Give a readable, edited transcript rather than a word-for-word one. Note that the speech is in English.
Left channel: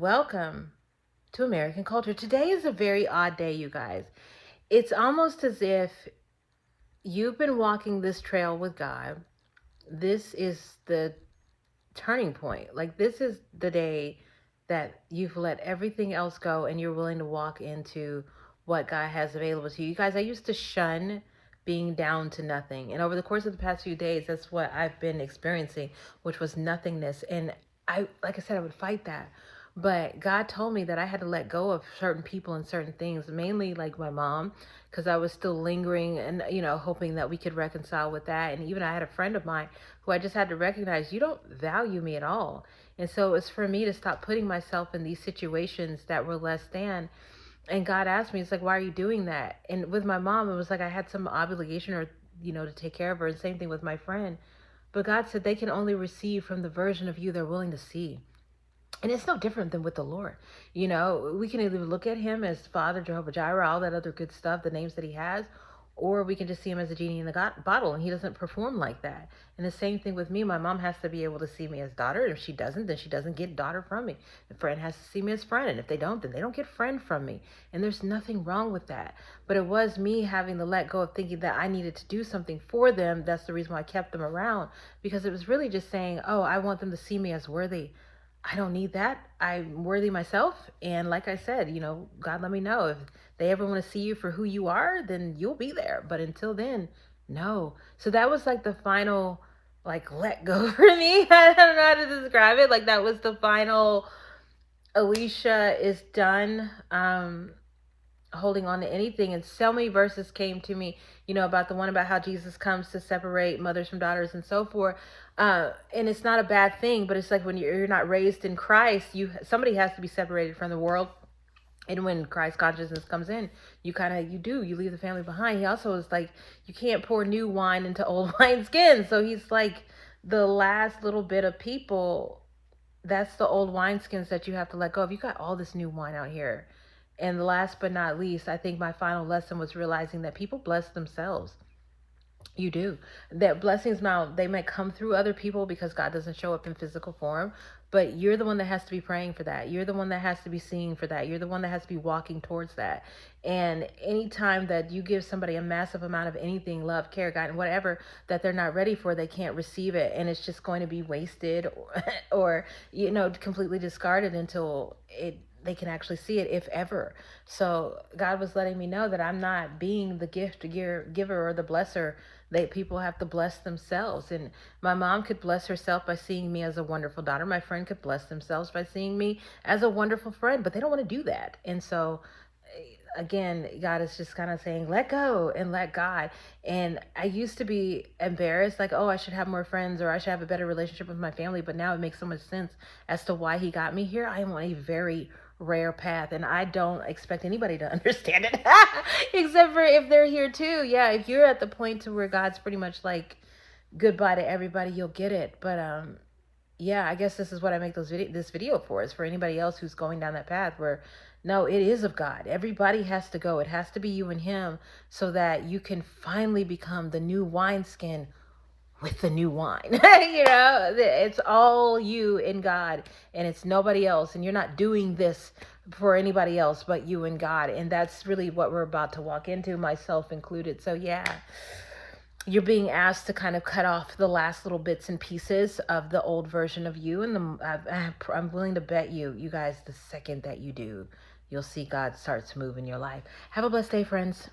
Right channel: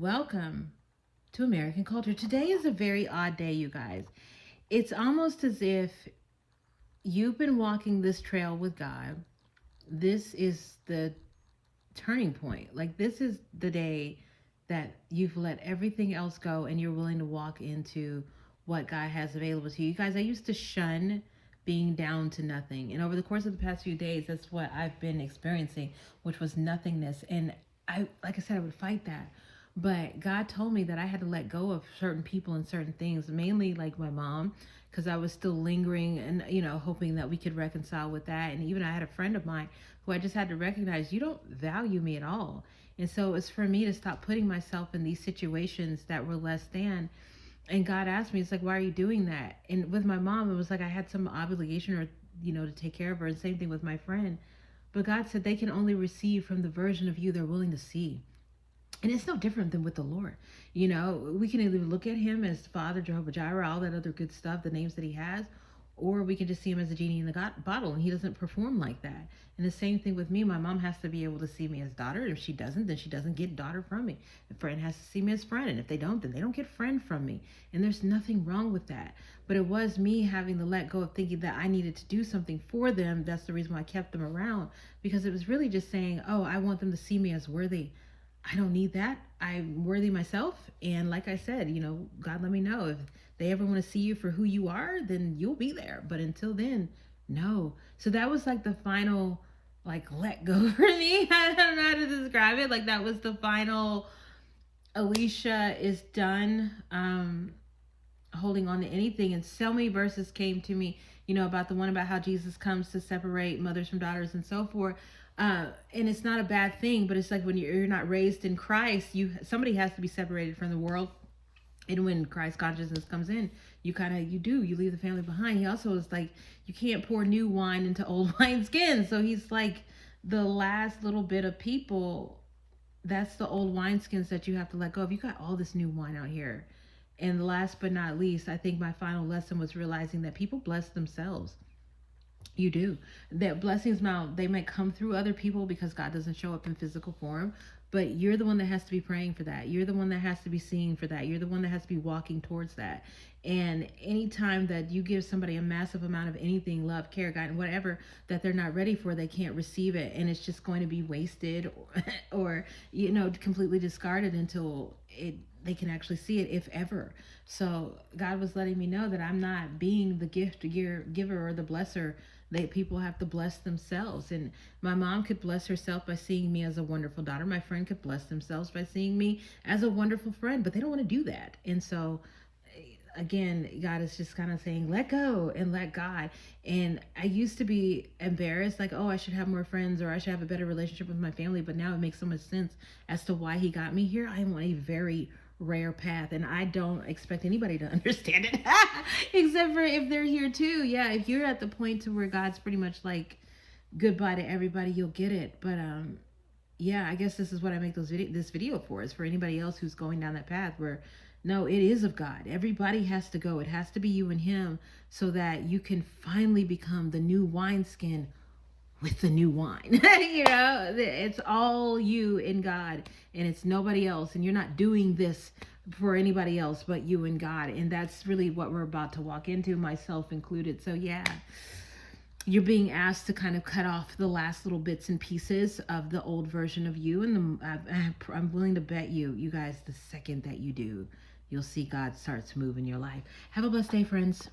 Welcome to American Culture. Today is a very odd day, you guys. It's almost as if you've been walking this trail with God. This is the turning point. Like, this is the day that you've let everything else go and you're willing to walk into what God has available to you. You guys, I used to shun being down to nothing. And over the course of the past few days, that's what I've been experiencing, which was nothingness. And like I said, I would fight that. But God told me that I had to let go of certain people and certain things, mainly like my mom, because I was still lingering and, hoping that we could reconcile with that. And even I had a friend of mine who I just had to recognize, you don't value me at all. And so it's for me to stop putting myself in these situations that were less than. And God asked me, it's like, why are you doing that? And with my mom, it was like I had some obligation or, to take care of her. And same thing with my friend. But God said they can only receive from the version of you they're willing to see. And it's no different than with the Lord. We can either look at him as Father, Jehovah Jireh, all that other good stuff, the names that he has, or we can just see him as a genie in the bottle, and he doesn't perform like that. And the same thing with me. My mom has to be able to see me as daughter, and if she doesn't, then she doesn't get daughter from me. A friend has to see me as friend, and if they don't, then they don't get friend from me. And there's nothing wrong with that. But it was me having to let go of thinking that I needed to do something for them. That's the reason why I kept them around, because it was really just saying, oh, I want them to see me as worthy. I don't need that. I'm worthy myself. And like I said, God let me know if they ever want to see you for who you are, then you'll be there. But until then, no. So that was like the final, like, let go for me. I don't know how to describe it. Like, that was the final, Alicia is done holding on to anything. And so many verses came to me, about the one about how Jesus comes to separate mothers from daughters and so forth. And it's not a bad thing, but it's like when you're not raised in Christ, somebody has to be separated from the world. And when Christ consciousness comes in, you leave the family behind. He also is like, you can't pour new wine into old wineskin. So he's like the last little bit of people. That's the old wineskins that you have to let go of. You got all this new wine out here. And last but not least, I think my final lesson was realizing that people bless themselves. You do. That blessings now, they might come through other people because God doesn't show up in physical form, but you're the one that has to be praying for that. You're the one that has to be seeing for that. You're the one that has to be walking towards that. And anytime that you give somebody a massive amount of anything, love, care, guidance, whatever, that they're not ready for, they can't receive it. And it's just going to be wasted or completely discarded until they can actually see it, if ever. So God was letting me know that I'm not being the giver or the blesser. People have to bless themselves. And my mom could bless herself by seeing me as a wonderful daughter. My friend could bless themselves by seeing me as a wonderful friend, but they don't want to do that. And so again, God is just kind of saying, let go and let God. And I used to be embarrassed, like, oh, I should have more friends or I should have a better relationship with my family. But now it makes so much sense as to why he got me here. I am on a very rare path, and I don't expect anybody to understand it except for if they're here too. Yeah, if you're at the point to where God's pretty much like goodbye to everybody, you'll get it. But yeah, I guess this is what I make this video for, is for anybody else who's going down that path where no, it is of God. Everybody has to go. It has to be you and him so that you can finally become the new wineskin with the new wine. It's all you and God, and it's nobody else. And you're not doing this for anybody else but you and God. And that's really what we're about to walk into, myself included. So yeah, you're being asked to kind of cut off the last little bits and pieces of the old version of you. And I'm willing to bet you guys, the second that you do, you'll see God starts moving your life. Have a blessed day, friends.